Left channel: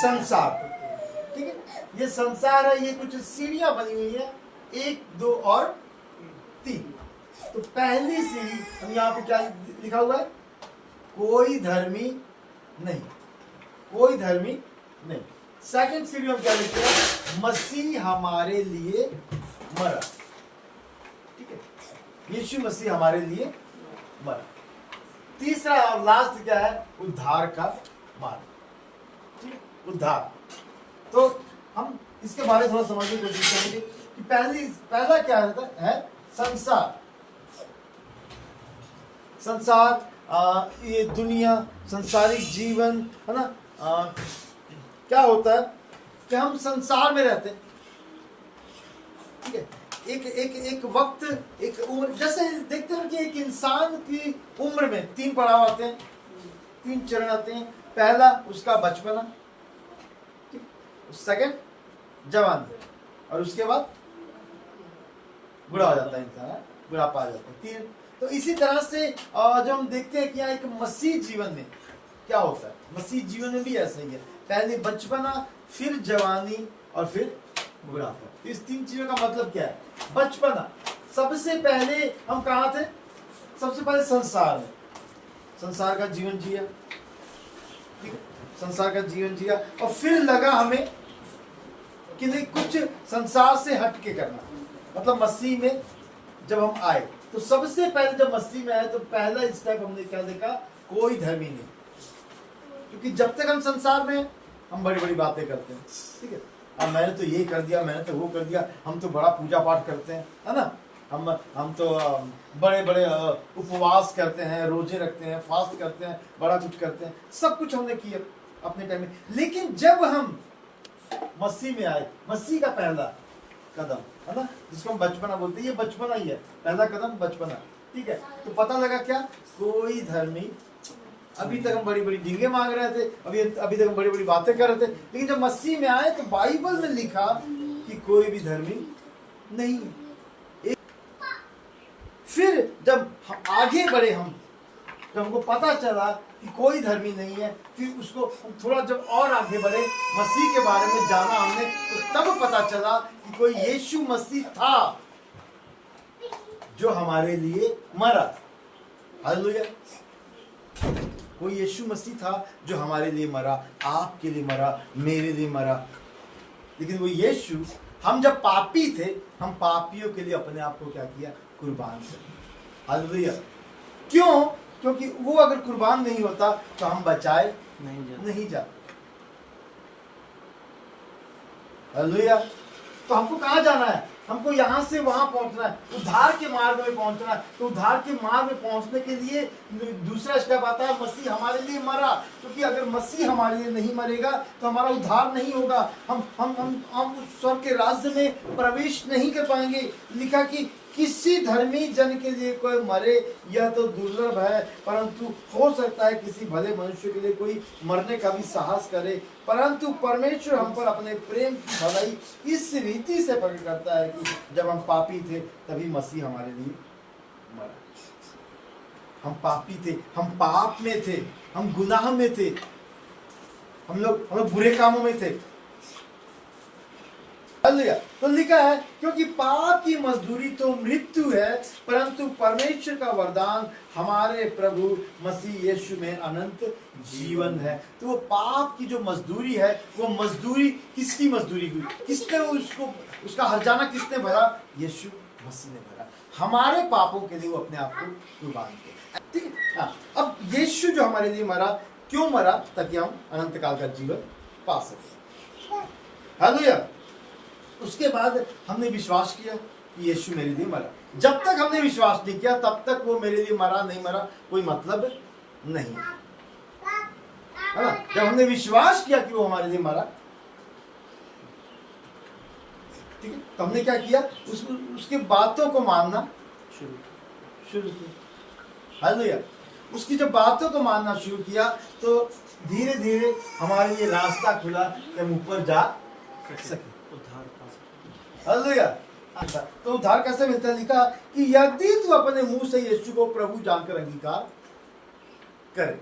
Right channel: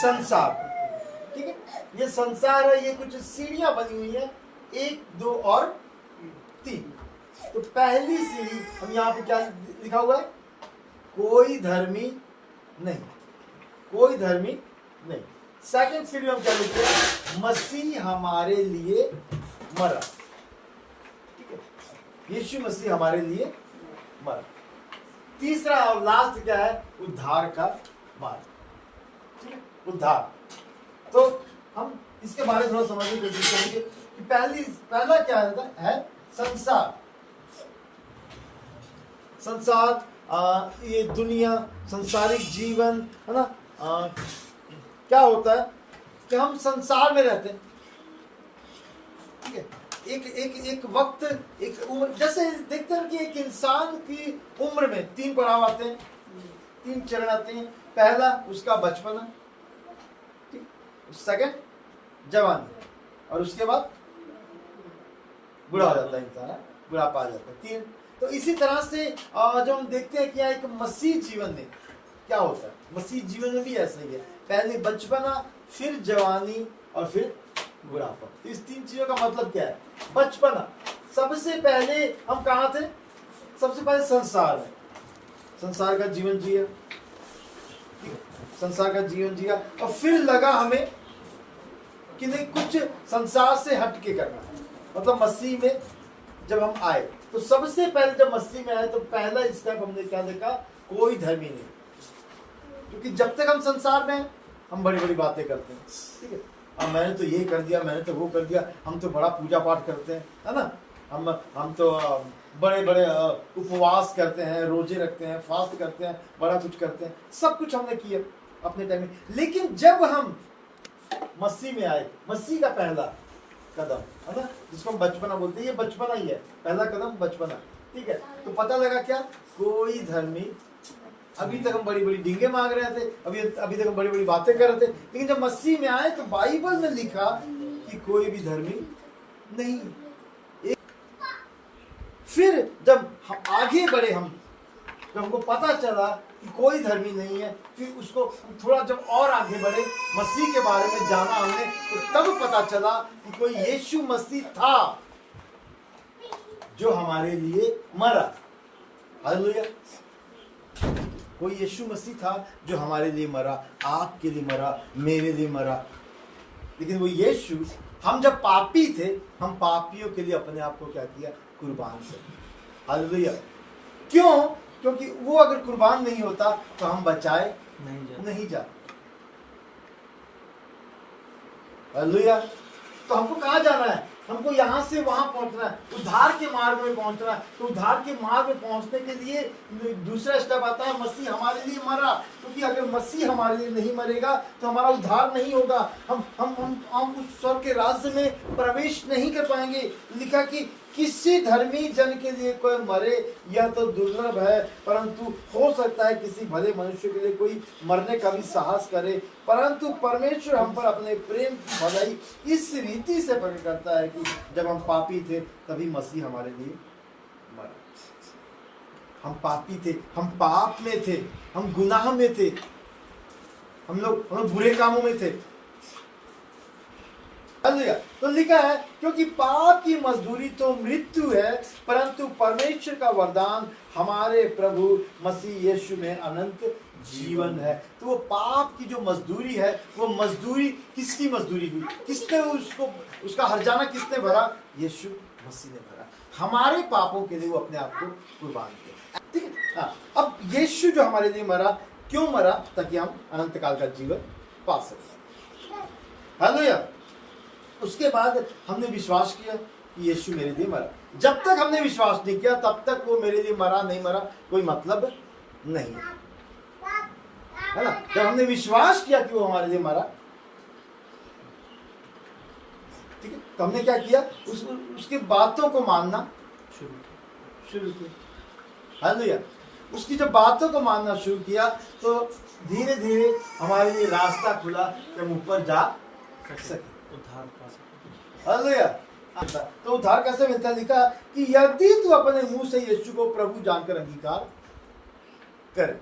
संसार। ठीक है, ये संसार है, ये कुछ सीढ़ियां बनी हुई है, 1 2 और 3। तो पहली सीढ़ी हम यहाँ पे क्या लिखा हुआ है, कोई धर्मी नहीं, कोई धर्मी नहीं। सेकंड सीढ़ी में हम क्या लिखते हैं, मसीह हमारे लिए मरा। ठीक है, यीशु मसीह हमारे लिए मरा। तीसरा और लास्ट क्या है, उद्धार का मार्ग। ठीक है, उद्धार। तो हम इसके बारे में थोड़ा समझने की कोशिश करेंगे कि पहला क्या है, संसार। संसार, ये दुनिया, संसारिक जीवन है ना। क्या होता है कि हम संसार में रहते हैं। ठीक है, एक वक्त, एक उम्र, जैसे देखते हैं कि एक इंसान की उम्र में 3 पड़ाव आते हैं, 3 चरण आते हैं। पहला उसका बचपना, सेकंड जवानी, और उसके बाद बुढ़ा हो जाता है इंसान, बुढ़ापा आ जाता है। 3। तो इसी तरह से जब हम देखते हैं कि यहाँ एक मसीह जीवन में क्या होता है, मसीह जीवन में भी ऐसा ही है, पहले बचपना, फिर जवानी और फिर बुढ़ापा। इस 3 चीजों का मतलब क्या है, बचपना, सबसे पहले हम कहाँ थे, सबसे पहले संसार में, संसार का जीवन जिया। ठीक है, संसार का जीवन जिया, और फिर लगा हमें कि नहीं, कुछ संसार से हट के करना, मतलब मसीह में जब हम आए, तो सबसे पहले जब मसीह में आए तो पहला स्टेप हमने क्या देखा, कोई धर्मी नहीं। क्योंकि जब तक हम संसार में, हम बड़ी बड़ी बातें करते हैं। ठीक है, अब मैंने तो ये कर दिया, मैंने तो वो कर दिया, हम तो बड़ा पूजा पाठ करते हैं, है ना। हम तो बड़े बड़े उपवास करते हैं, रोजे रखते हैं, फास्ट करते हैं, बड़ा कुछ करते हैं, सब कुछ हमने किया अपने टाइम में। लेकिन जब हम मसीह में आए, मसीह का पहला कदम है ना, जिसको हम बचपना बोलते हैं, ये बचपना ही है, पहला कदम बचपना। ठीक है, तो पता लगा क्या, कोई धर्मी। अभी तक हम बड़ी बड़ी डींगे मांग रहे थे, अभी तक हम बड़ी बड़ी बातें कर रहे थे, लेकिन जब मसीह में आए तो बाइबल में लिखा कि कोई भी धर्मी नहीं। फिर जब हम आगे बढ़े, जब हमको पता चला कि कोई धर्मी नहीं है, फिर उसको थोड़ा जब और आगे बढ़े, मसीह के बारे में जाना हमने, तो तब पता चला कि कोई यीशु मसीह था जो हमारे लिए मरा। हालेलुया। कोई यीशु मसीह था जो हमारे लिए मरा, आपके लिए मरा, मेरे लिए मरा। लेकिन वो यीशु, हम जब पापी थे, हम पापियों के लिए अपने आप को क्या किया, कुर्बान कर दिया। हालेलुया। क्यों? क्योंकि वो अगर कुर्बान नहीं होता तो हम बचाए नहीं जाते। हालेलुया। तो हमको कहाँ जाना है, हमको यहाँ से वहां पहुंचना है, उद्धार के मार्ग में पहुंचना है। तो उद्धार के मार्ग में पहुंचने के लिए दूसरा स्टेप आता है, मसीह हमारे लिए मरा। क्योंकि अगर मसीह हमारे लिए नहीं मरेगा तो हमारा उद्धार नहीं होगा, हम उस स्वर्ग के राज्य में प्रवेश नहीं कर पाएंगे। लिखा कि किसी धर्मी जन के लिए कोई मरे, यह तो दुर्लभ है, परंतु हो सकता है किसी भले मनुष्य के लिए कोई मरने का भी साहस करे। परंतु परमेश्वर हम पर अपने प्रेम की भलाई इस रीति से प्रकट करता है कि जब हम पापी थे तभी मसीह हमारे लिए मरा। हम पापी थे, हम पाप में थे, हम गुनाह में थे, हम लोग बुरे कामों में थे। तो लिखा है, क्योंकि पाप की मजदूरी तो मृत्यु है, परंतु परमेश्वर का वरदान हमारे प्रभु मसीह यीशु में अनंत जीवन है। तो वो पाप की जो मजदूरी है, वो मजदूरी किसकी मजदूरी हुई, किसने उसका हर्जाना किसने भरा, यीशु मसीह ने भरा। हमारे पापों के लिए वो अपने आप को कुर्बान किया। ठीक है। हाँ, अब यीशु जो हमारे लिए मरा, क्यों मरा, ताकि हम अनंत काल का जीवन पा सकें। हालेलुया। उसके बाद हमने विश्वास किया कि यीशु मेरे लिए मरा। जब तक हमने विश्वास नहीं किया तब तक वो मेरे लिए मरा नहीं मरा कोई मतलब नहीं है ना। जब हमने विश्वास किया कि वो हमारे लिए मरा, ठीक है, तो हमने क्या किया, उसके बातों को मानना शुरू किया। हालेलुया। उसकी जब बातों को मानना शुरू किया तो धीरे धीरे हमारे लिए रास्ता खुला कि हम ऊपर जा सके, उद्धार पा सके। हालेलुया। तो उद्धार कैसे मिलता है, लिखा कि यदि तू अपने मुंह से यीशु को प्रभु जानकर अंगीकार करे